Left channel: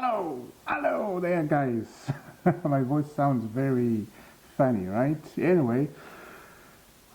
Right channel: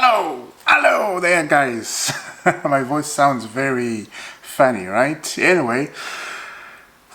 Hello there, guys. My voice sounds very funny, right? Anyway,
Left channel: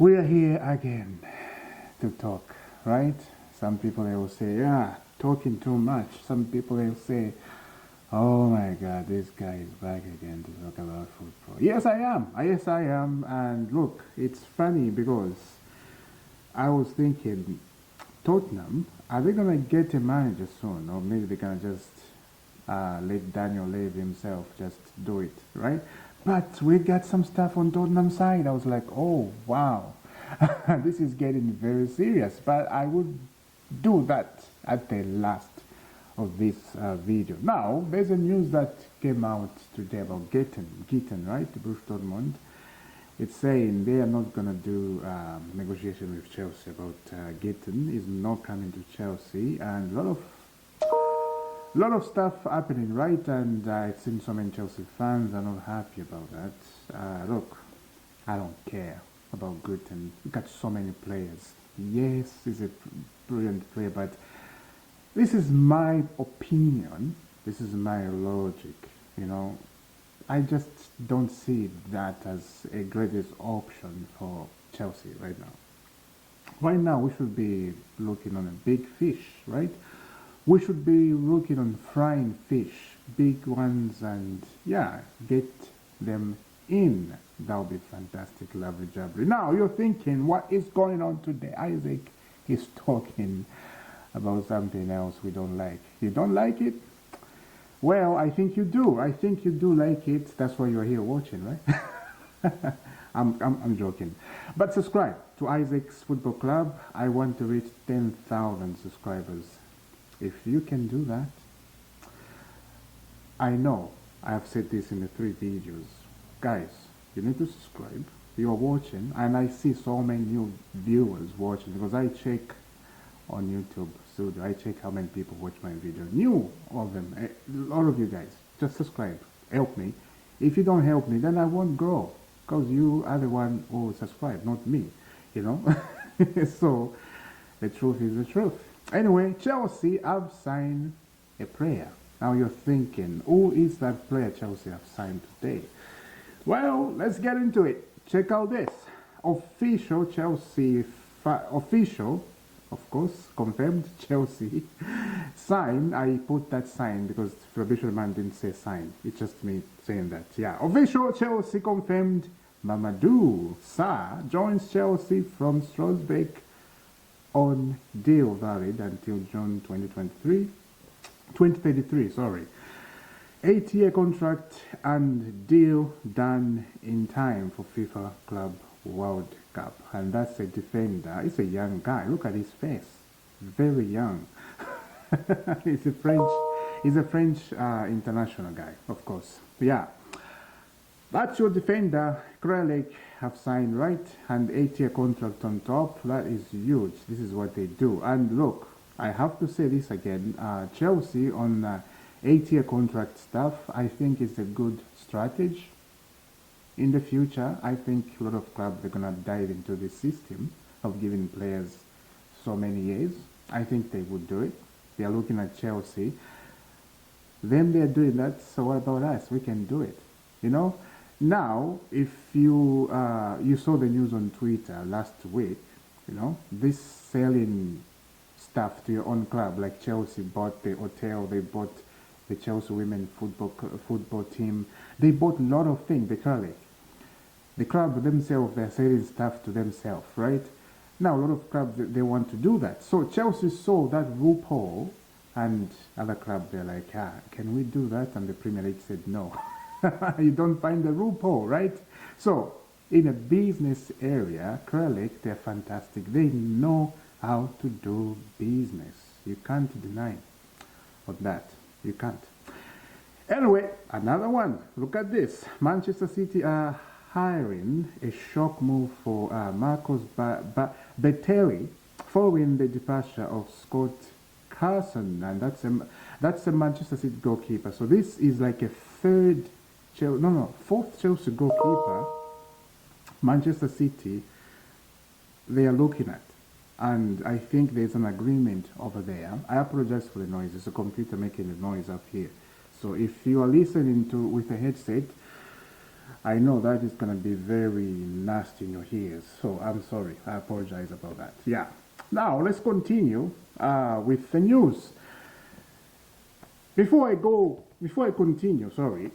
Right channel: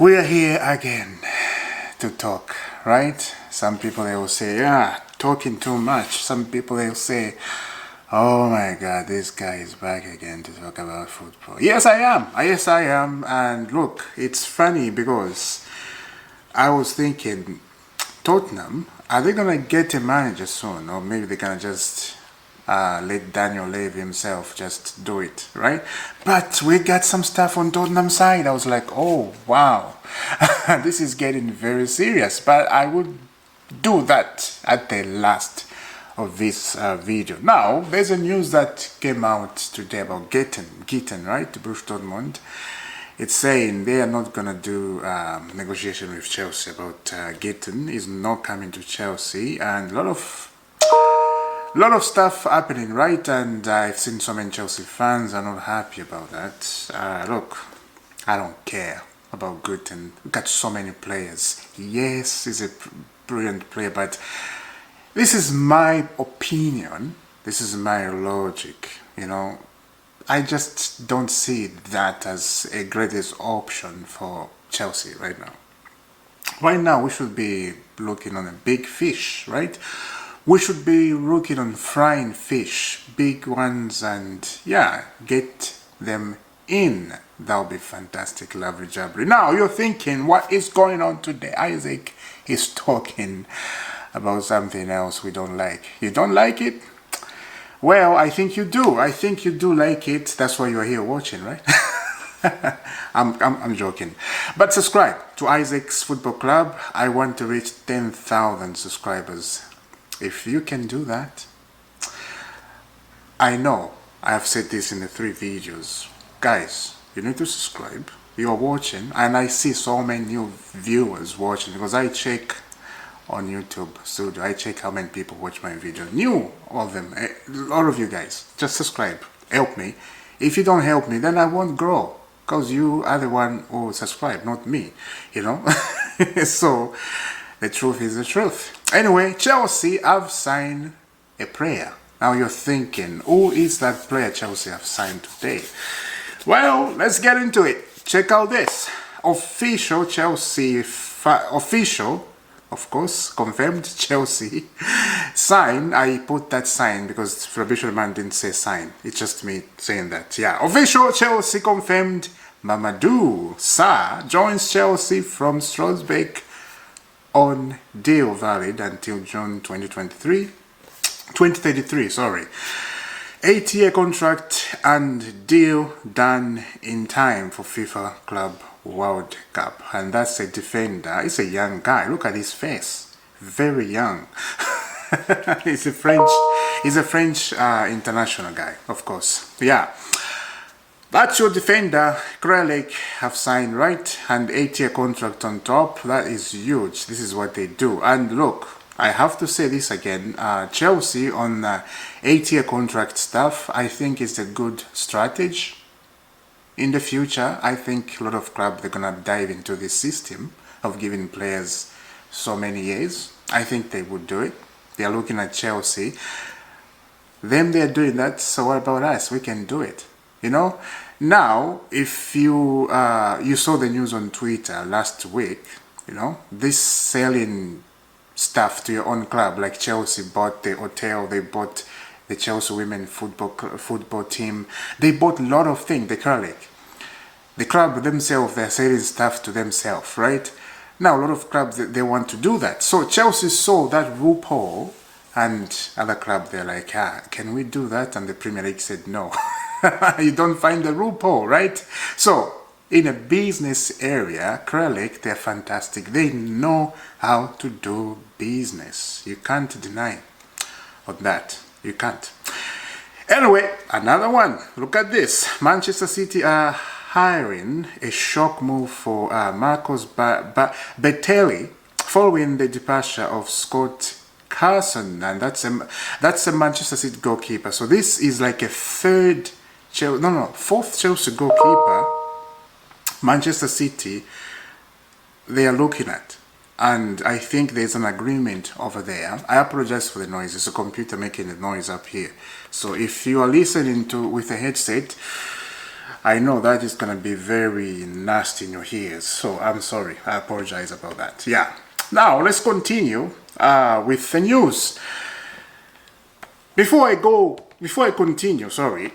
we are here again to talk, right? Some people they will say, yeah, talking too much. Some people they will say, oh my God, this guy is back again to talk about football. Yes, I am. Yes, I am. And look, it's funny because I was thinking, Tottenham, are they gonna get a manager soon, or maybe they're gonna just let Daniel Levy himself just do it, right? But we got some stuff on Tottenham side. I was like, oh wow, this is getting very serious. But I would do that at the last of this video. Now, there's a news that came out today about Gitten, right? Borussia Dortmund. It's saying they are not gonna do negotiation with Chelsea about Gitten. Is not coming to Chelsea, and a lot of stuff happening, right? And I've seen so many Chelsea fans are not happy about that. Look, I don't care about Gitten. We got so many players. Yes, he's a brilliant player, but this is my opinion. This is my logic, you know. I just don't see that as a greatest option for Chelsea right now. Right now, we should be looking on a big fish, right? We should be looking on frying fish, big ones, and yeah, get them in. That'll be fantastic, lovely jubbly. Now, you're thinking, what is going on today? Isaac is talking about something else we don't like. You don't like it? Well, I think you do. I think you do like it. That's why you're here watching, right? I'm joking. But subscribe to Isaac's Football Club. I want to reach 10,000 subscribers. If you can do that, I know I have said this in the 3 videos. Guys, you need to subscribe. You are watching, and I see so many new viewers watching because I check on YouTube Studio. I check how many people watch my video. New, all of them, a lot of you guys. Just subscribe. Help me. If you don't help me, then I won't grow. Because you are the one who subscribe, not me. You know? So, the truth is the truth. Anyway, Chelsea have signed a player. Now you're thinking, who is that player Chelsea have signed today? Well, let's get into it. Check out this. Official Chelsea, official, of course, confirmed Chelsea sign. I put that sign because Fabricio Man didn't say sign. It's just me saying that. Yeah, official Chelsea confirmed Mamadou Sarr joins Chelsea from Strasbourg on deal valid until June 2033, sorry. 8-year contract and deal done in time for FIFA Club World Cup. And that's a defender. He's a young guy. Look at his face. Very young. He's a French international guy, of course. Yeah. That's your defender. Kralik have signed, right? And 8-year contract on top. That is huge. This is what they do. And look, I have to say this again. Chelsea on 8-year contract stuff, I think is a good strategy. In the future, I think a lot of clubs, they're going to dive into this system of giving players so many years. I think they would do it. They are looking at Chelsea. Them, they're doing that, so what about us? We can do it. You know? Now, if you you saw the news on Twitter last week, you know, this selling stuff to your own club, like Chelsea bought the hotel, they bought the Chelsea women football team. They bought a lot of things, the club themselves, they're selling stuff to themselves, right? Now, a lot of clubs, they want to do that. So Chelsea saw that loophole, and other clubs, they're like, can we do that? And the Premier League said, no. You don't find the loophole, right? So, in a business area, Kralik, they're fantastic. They know how to do business. You can't deny of that. You can't. Anyway, another one. Look at this. Manchester City are hiring a shock move for Marcos Bettelli following the departure of Scott Carson, and that's a Manchester City goalkeeper. So this is like a fourth Chelsea goalkeeper. Manchester City, they are looking at. And I think there's an agreement over there. I apologize for the noise. It's a computer making the noise up here. So if you are listening to with a headset, I know that is going to be very nasty in your ears. So I'm sorry. I apologize about that. Yeah. Now let's continue with the news. Before I continue, sorry.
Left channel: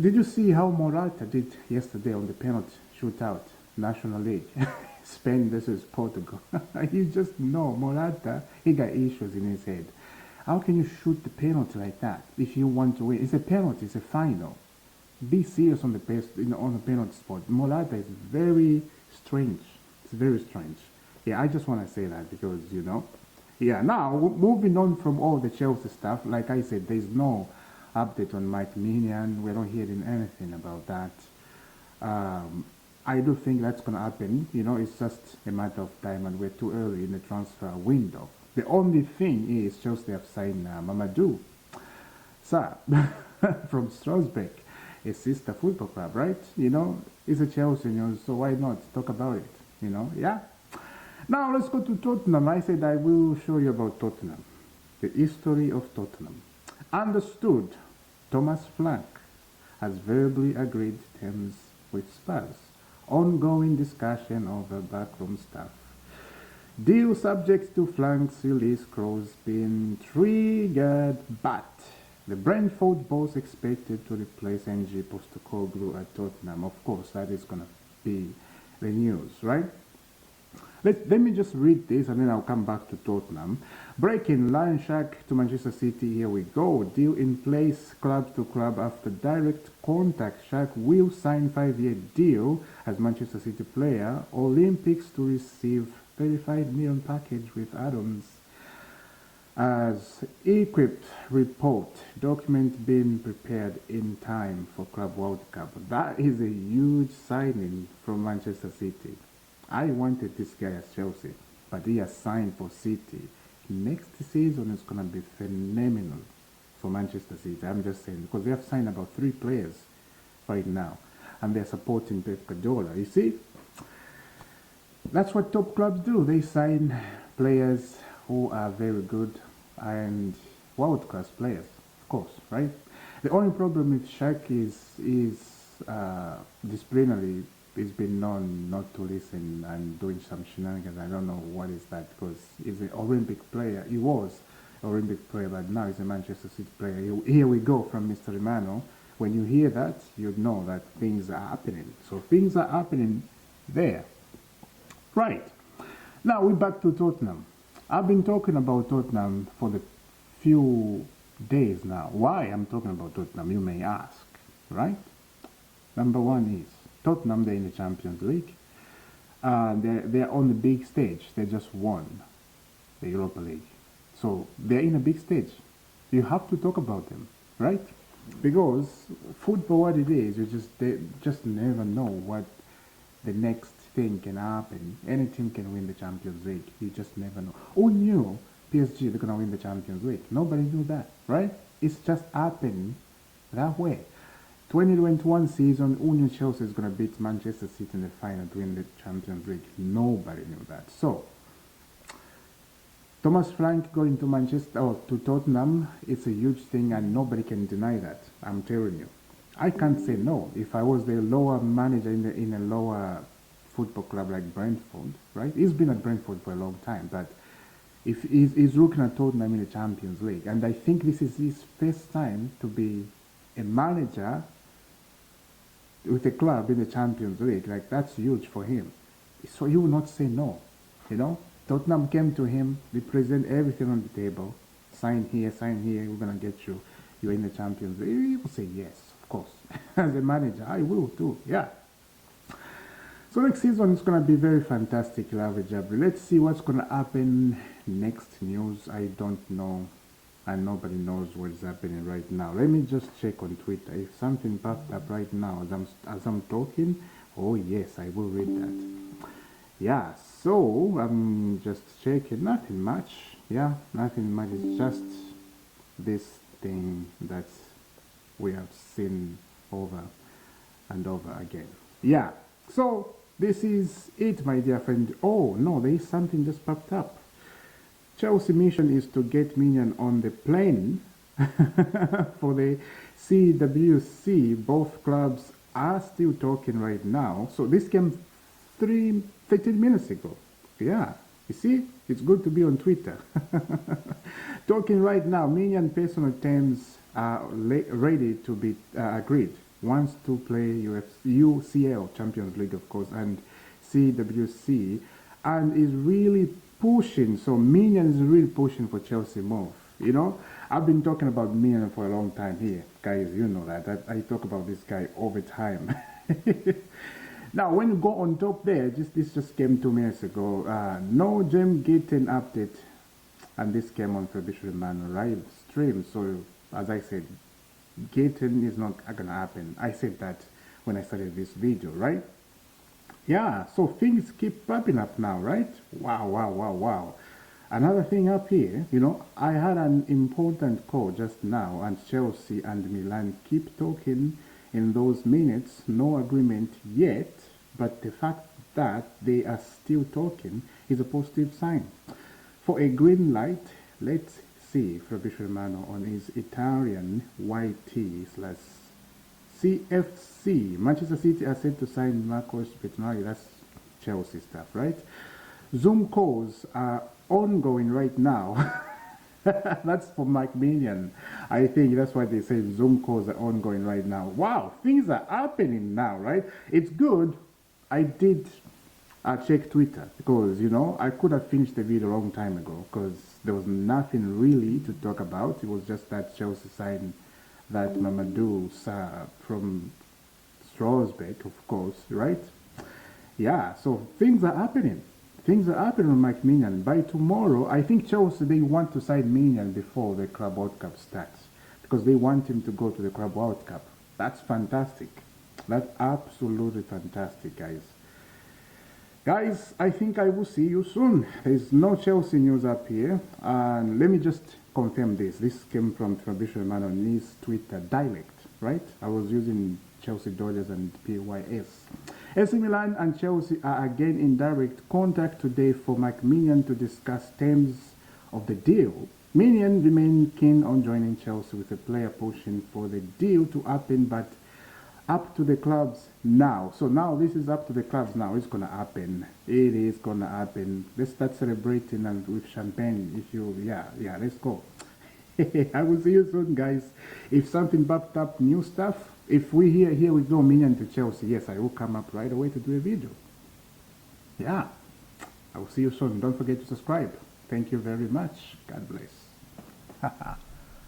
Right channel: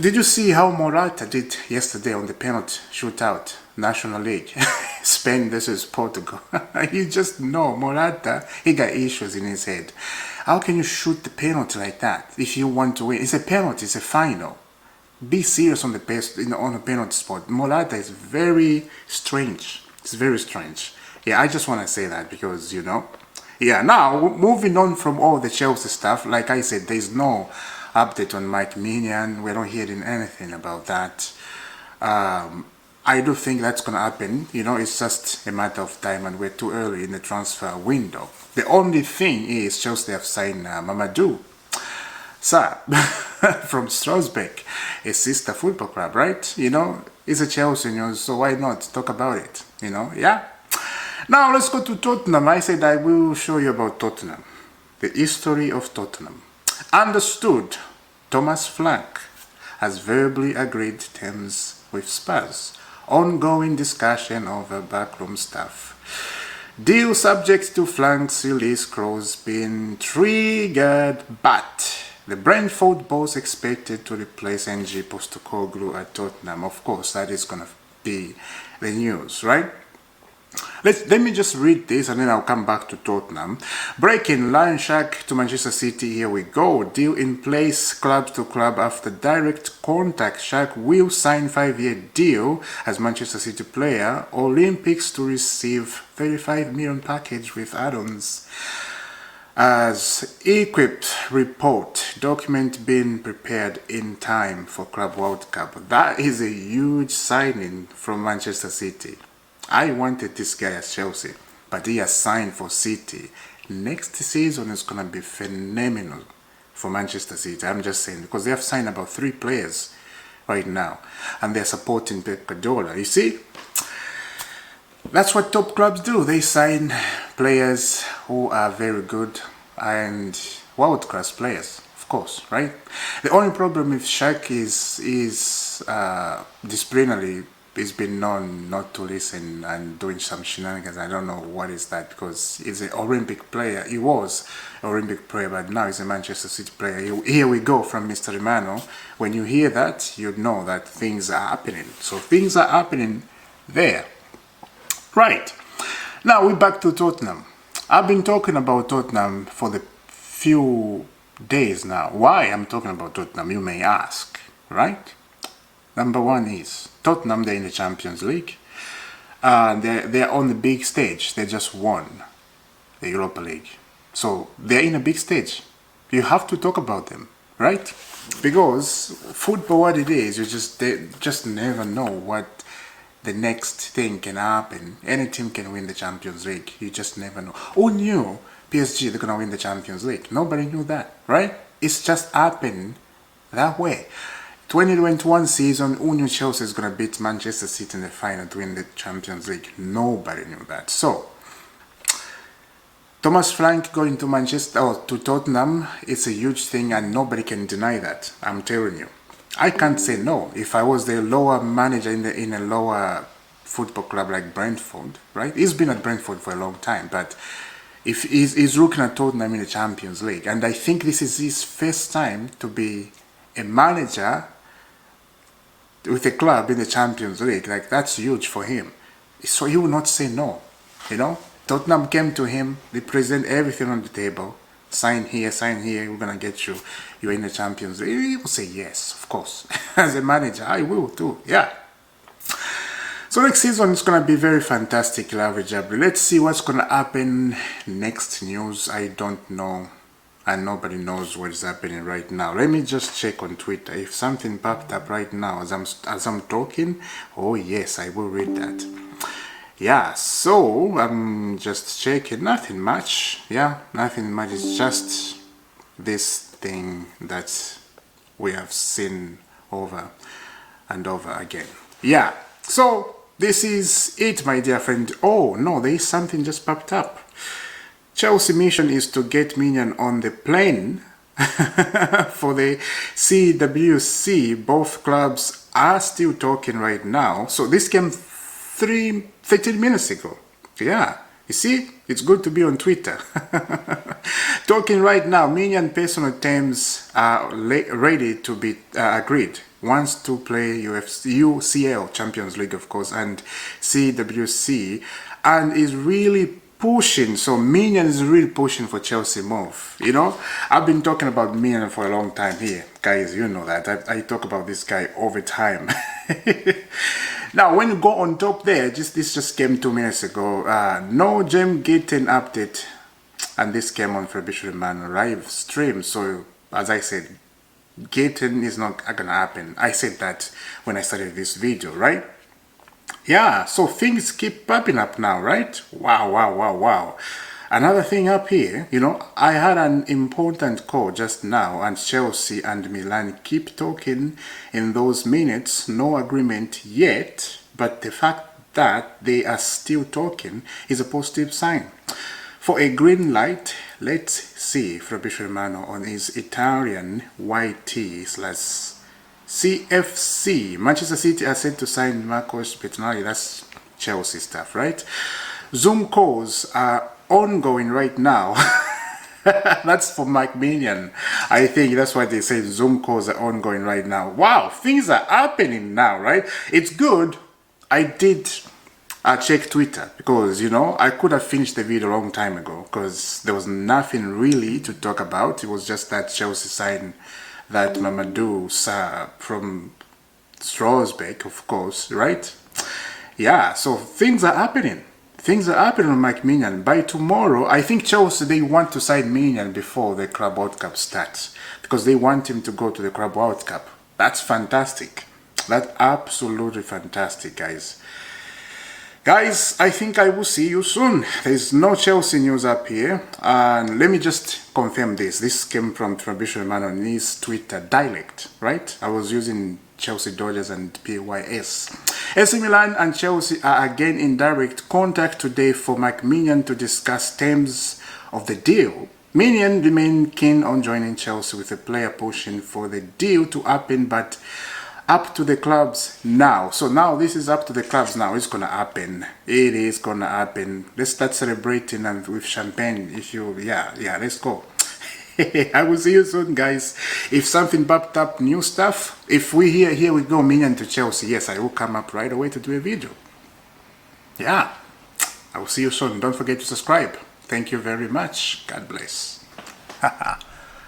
Did you see how Morata did yesterday on the penalty shootout, National League? Spain versus Portugal. You just know Morata, he got issues in his head. How can you shoot the penalty like that if you want to win? It's a penalty, it's a final. Be serious on the on the penalty spot. Morata is very strange. It's very strange. Yeah, I just want to say that because, you know. Yeah, now, moving on from all the Chelsea stuff, like I said, there's no update on Mike Mignon. We're not hearing anything about that. I do think that's going to happen. You know, it's just a matter of time and we're too early in the transfer window. The only thing is Chelsea have signed Mamadou Sarr from Strasbourg, a sister football club, right? You know, it's a Chelsea news, so why not talk about it? You know, yeah? Now let's go to Tottenham. I said I will show you about Tottenham. The history of Tottenham. Understood, Thomas Frank has verbally agreed terms with Spurs. Ongoing discussion over backroom stuff. Deal subject to Frank's release clause being triggered, but the Brentford boss expected to replace NG Postecoglou at Tottenham. Of course, that is going to be the news, right? Let me just read this and then I'll come back to Tottenham. Breaking Lion Shack to Manchester City. Here we go. Deal in place club to club after direct contact. Shack will sign 5-year deal as Manchester City player. Olympics to receive 35 million package with add-ons. As equipped report, document being prepared in time for Club World Cup. That is a huge signing from Manchester City. I wanted this guy at Chelsea, but he has signed for City. Next season is going to be phenomenal for Manchester City. I'm just saying, because they have signed about 3 players right now, and they're supporting Pep Guardiola. You see, that's what top clubs do. They sign players who are very good and world-class players, of course, right? The only problem with Shaq is disciplinarily. He's been known not to listen and doing some shenanigans. I don't know what is that, because he's an Olympic player. He was an Olympic player, but now he's a Manchester City player. Here we go from Mr. Romano. When you hear that, you know that things are happening. So things are happening there. Right. Now we're back to Tottenham. I've been talking about Tottenham for the few days now. Why I'm talking about Tottenham, you may ask, right? Number one is Tottenham, they're in the Champions League. They're on the big stage. They just won the Europa League. So they're in a big stage. You have to talk about them, right? Because football, what it is, they just never know what the next thing can happen. Any team can win the Champions League. You just never know. Who knew PSG, they're going to win the Champions League? Nobody knew that, right? It's just happened that way. 2021 season, who knew Chelsea is going to beat Manchester City in the final to win the Champions League? Nobody knew that. So, Thomas Frank going to Manchester or to Tottenham, it's a huge thing and nobody can deny that. I'm telling you. I can't say no. If I was the lower manager in a lower football club like Brentford, right? He's been at Brentford for a long time, but if he's looking at Tottenham in the Champions League, and I think this is his first time to be a manager with a club in the Champions League, like that's huge for him. So he will not say no, you know. Tottenham came to him, they present everything on the table, sign here, we're gonna get you, you're in the Champions League. He will say yes, of course. As a manager, I will too, yeah. So next season is gonna be very fantastic, Lavry Jabri. Let's see what's gonna happen next. News, I don't know. And nobody knows what is happening right now. Let me just check on Twitter. If something popped up right now as I'm talking, oh yes, I will read that. Yeah, so I'm just checking. Nothing much. Yeah, nothing much. It's just this thing that we have seen over and over again. Yeah, so this is it, my dear friend. Oh, no, there is something just popped up. Chelsea mission is to get Minion on the plane for the CWC. Both clubs are still talking right now. So this came 13 minutes ago. Yeah, you see, it's good to be on Twitter. Talking right now, Minion personal terms are ready to be agreed. Wants to play UCL Champions League, of course, and CWC, and is really pushing. So Minion is really pushing for Chelsea move. You know, I've been talking about Minion for a long time here, guys. You know that I talk about this guy all the time. Now, when you go on top there, this just came 2 minutes ago. No Gem Gaten update, and this came on Fabricio Romano live stream. So as I said, Gaten is not gonna happen. I said that when I started this video, right? Yeah, so things keep popping up now, right? Wow. Another thing up here, you know, I had an important call just now, and Chelsea and Milan keep talking in those minutes. No agreement yet, but the fact that they are still talking is a positive sign. For a green light, let's see Fabricio Romano on his Italian YT/CFC. Manchester City are set to sign Marcos Bettinelli. That's Chelsea stuff, right? Zoom calls are ongoing right now. That's for Mike Minion. I think that's why they say Zoom calls are ongoing right now. Wow, things are happening now, right? It's good. I did check Twitter because, you know, I could have finished the video a long time ago because there was nothing really to talk about. It was just that Chelsea signed that Mamadou Sarr from Strasbourg, of course, right? Yeah, so things are happening. Things are happening on Mike Minion. By tomorrow, I think Chelsea, they want to sign Minion before the Club World Cup starts because they want him to go to the Club World Cup. That's fantastic. That's absolutely fantastic, guys. Guys, I think I will see you soon. There's no Chelsea news up here. And let me just confirm this. This came from Fabricio Romano on his Twitter direct, right? I was using Chelsea Dodgers and PYS. AC Milan and Chelsea are again in direct contact today for Mike Minion to discuss terms of the deal. Minion remained keen on joining Chelsea with a player pushing for the deal to happen, but up to the clubs now. So now this is up to the clubs now. It's gonna happen. It is gonna happen. Let's start celebrating and with champagne. If you, yeah, let's go. I will see you soon, guys. If something popped up, new stuff. If we here we go, Minion to Chelsea. Yes, I will come up right away to do a video. Yeah, I will see you soon. Don't forget to subscribe. Thank you very much. God bless.